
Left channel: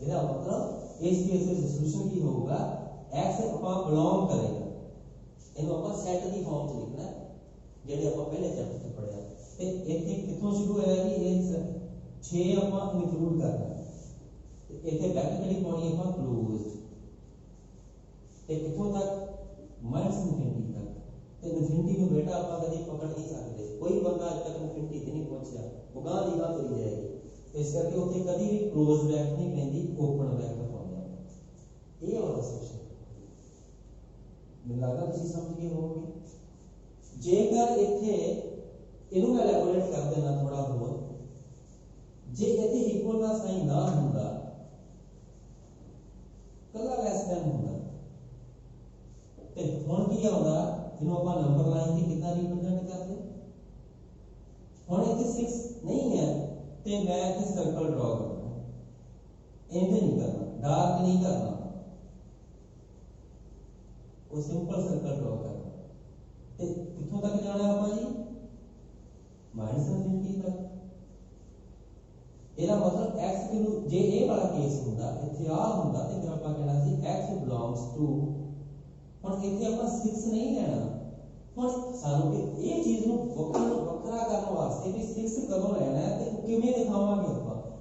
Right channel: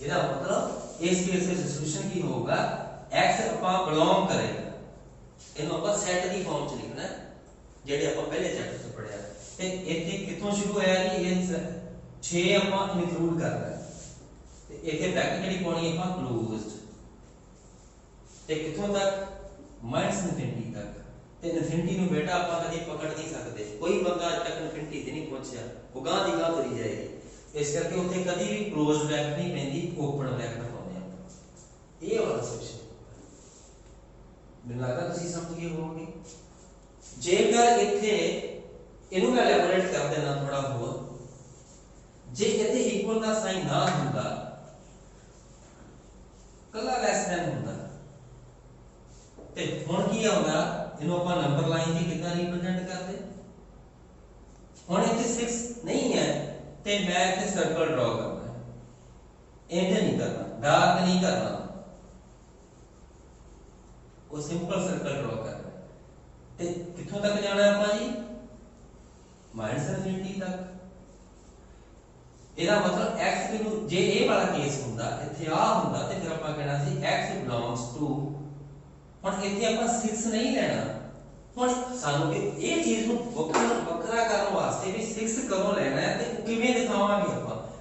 ਇਹਦਾ ਮਤਲਬ ਇਸ ਕੇਸ ਵਿੱਚ ਸੋਲੂਸ਼ਨ ਕੀ ਹੋਊਗਾ x ਆਪਾਂ ਬਿਲੋਂਗ ਕਰੇਗਾ ਇਹਨੂੰ ਆਪਾਂ ਸੈਟ ਦੀ ਫਾਰਮ ਚ ਲਿਖਣਾ ਜਿਹੜੇ ਆਪਾਂ ਪਹਿਲੇ ਚੈਪਟਰ ਚ ਪੜਿਆ ਤੇ ਇੱਥੇ ਕਿੱਥੋਂ ਸ਼ੁਰੂ ਹੋਇਆ ਜੀ ਇਹ 6 ਆਪਾਂ ਇਨਕਲੂਡ ਕਰਨਾ ਤੇ ਇੱਥੇ ਬ੍ਰੈਕਟ ਜਿਹੜੀ ਪਾਉਣੀ ਆਪਾਂ ਕਲੋਜ਼ਡ ਤੇ ਕਿੱਥੋਂ ਤੱਕ -20 ਤੱਕ ਤੇ ਇਨਫਿਨਿਟੀ ਨੂੰ ਬੇਟਾ ਆਪਾਂ ਕਦੀ ਪਕੜ ਨਹੀਂ ਸਕਦੇ, ਕੋਈ ਬੰਦਾ ਅੱਜ ਤੱਕ ਇਨਫਿਨਿਟੀ ਤੇ ਨਹੀਂ ਪਹੁੰਚਿਆ, ਉਹ ਗਾਂ ਦੀ ਗਾਂ ਤੁਰੀ ਜਾਏਗੀ। ਇਸ ਕਰਕੇ ਉੱਥੇ ਕਦੀ ਵੀ ਕਲੋਜ਼ ਬ੍ਰੈਕਟ ਨਹੀਂ ਪੈਂਦੀ, ਓਪਨ ਬ੍ਰੈਕਟ ਪਾਉਂਦੇ ਆਪਾਂ। ਇਹ ਵਾਲਾ ਸੋਲੂਸ਼ਨ ਮੈਨੂੰ ਲੱਗਦਾ ਤੁਸੀਂ ਸਮਝ ਗਏ ਹੋਵੋਗੇ। ਜੇਕਰ ਇੱਥੇ ਇਹਨੂੰ ਮੈਂ ਇਲੈਬੋਰੇਟ ਕਰ ਦੇਣਾ ਥੋੜਾ ਹੋਰ, ਜੇ ਇੱਥੇ ਇਕੁਅਲ ਦਾ ਸਾਈਨ ਨਾ ਹੁੰਦਾ, ਕੱਲਾ ਲੈਸ ਦੈਨ ਹੁੰਦਾ, ਤੇ ਹੁਣ ਕੀ ਆਉਂਦਾ, ਇਹਨੂੰ ਆਪਾਂ ਨੰਬਰ ਲਾਈਨ ਦੀ ਕਿੱਦਾਂ ਰਿਪਰੈਜ਼ੈਂਟ ਕਰਦੇ। ਹੁਣ ਇੱਥੇ 6 ਨਹੀਂ ਹੈ ਤੇ ਮੈਂ ਇੱਥੇ ਸਰਕਲ ਡਰਾ ਕਰਨਾ, ਇੰਜ ਨਹੀਂ ਕਰਨਾ, ਡਾਰਕ ਨਹੀਂ ਕਰਨਾ, ਉਹ ਸਿੰਪਲ ਸਰਕਲ ਡਰਾ ਕਰਨਾ। ਤੇ ਕਿੱਥੋਂ ਤੱਕ ਜਾਣਾ ਆਪਾਂ ਜੀ, -∞ ਤੱਕ। ਇਹਦਾ ਮਤਲਬ x ਨੂੰ, ਜੇ ਇਹ ਵਾਲਾ ਕੇਸ ਹੁੰਦਾ, ਇੱਥੇ ਆ ਹੁੰਦਾ, ਤੇ ਫਿਰ ਆਪਾਂ ਕਹਿਣਾ ਸੀ x ਬਿਲੋਂਗਸ ਟੂ, ਹੁਣ ਇੱਥੇ ਆਪਾਂ 6 ਨਹੀਂ ਲੈਣਾ। ਹੁਣ ਸਾਨੂੰ ਇਹ ਚੀਜ਼ ਨੂੰ ਵੱਖਰਾ ਕਰਨ ਵਾਸਤੇ ਵੀ 6 ਕਦੋਂ ਲੈਣਾ ਹੈ ਤੇ ਕਿਵੇਂ ਦਿਖਾਵਾਂਗੇ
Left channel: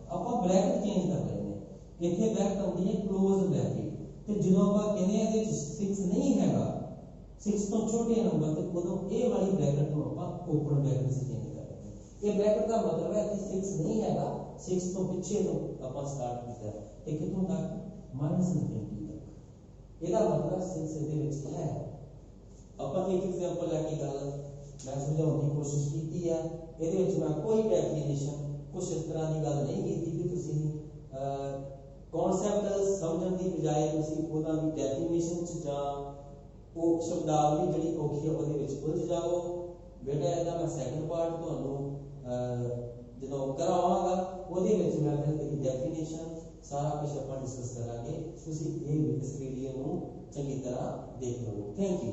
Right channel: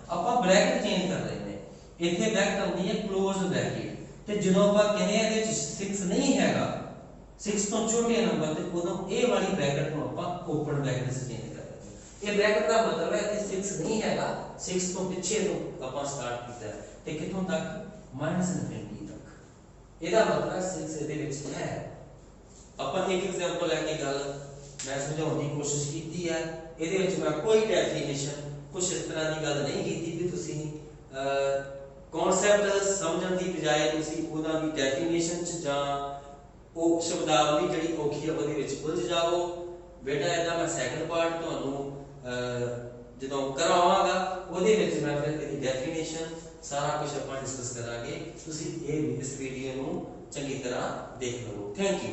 ਆਪਾਂ ਬ੍ਰੈਕਟ ਚੇਂਜ ਕਰ ਰਹੇ ਨੇ। ਇੱਥੇ ਬ੍ਰੈਕਟ ਆਉਂਦੀ ਹੈ ਕਲੋਜ਼ ਬ੍ਰੈਕਟ, ਤੇ ਜਦੋਂ ਆਪਾਂ ਕਹਿੰਦੇ ਆ ਇਹਦੇ ਵਿੱਚ 6 ਨਹੀਂ ਹੈਗਾ, 6 ਤੋਂ ਛੋਟੇ ਨੰਬਰ ਤੇ ਉਦੋਂ ਇਹ ਵਾਲੀ ਬ੍ਰੈਕਟ ਨੂੰ ਆਪਾਂ ਓਪਨ ਬ੍ਰੈਕਟ ਵਿੱਚ ਚੇਂਜ ਕਰ ਦਿੰਦੇ ਹਾਂ। ਇਹ ਬ੍ਰੈਕਟ ਦਾ ਮਤਲਬ ਹੈ ਇੱਥੇ 6 ਨਹੀਂ ਹੈਗਾ, 6 ਤੋਂ ਪਿੱਛੇ ਤੋਂ ਆਪਾਂ ਸਟਾਰਟ ਕੀਤਾ ਤੇ ਕਿੱਥੋਂ ਤੱਕ, -∞ ਤੱਕ। ਇਹਦਾ ਮਤਲਬ 6 ਇਹਦੇ ਵਿੱਚ ਹੈ। ਆਪਾਂ ਇੱਕ ਐਗਜ਼ਾਮਪਲ ਲੈ ਕੇ ਗੱਲ ਮੈਂ ਸਮਝਾਉਣ ਦੀ ਕੋਸ਼ਿਸ਼ ਕੀਤੀ ਹੈ। ਇਹਦੇ ਵਿੱਚ ਮੈਂ ਕੋਈ ਡੈਫੀਨੇਸ਼ਨ ਕੁਝ ਇਸ ਤਰ੍ਹਾਂ ਦੀ ਗੱਲ ਨਹੀਂ ਕੀਤੀ ਕਿ ਤੁਸੀਂ ਕਨਸੈਪਟ ਸਮਝਣ ਦੀ ਬਜਾਏ ਤੁਸੀਂ ਉਹਨਾਂ ਦੀ ਡੈਫੀਨੇਸ਼ਨ ਚ ਜਾਂ ਉਹ ਸ਼ਬਦਾਵਲੀ ਜਿਹੜੀ ਔਖੀ ਹੈ ਉਹਦੇ ਵਿੱਚ ਉਲਝ ਜਾਓ। ਬੇਟਾ ਇਹਦਾ ਮੈਂ ਸੈਕੰਡ ਪਾਰਟ ਤੁਹਾਨੂੰ ਜਦੋਂ ਕਰਾਵਾਂਗਾ ਉਹਦੇ ਵਿੱਚ ਮੈਂ ਫਿਰ ਇਹਦੀ ਡੈਫੀਨੇਸ਼ਨ ਸਾਰਾ ਕੁਝ ਆਪਾਂ ਡਿਸਕਸ ਕਰਾਂਗੇ। ਤੁਸੀਂ ਇਹ ਇਸ ਵੀਡੀਓ ਨੂੰ ਚੰਗੀ ਤਰ੍ਹਾਂ ਦੇਖ ਲਓ। Thank you.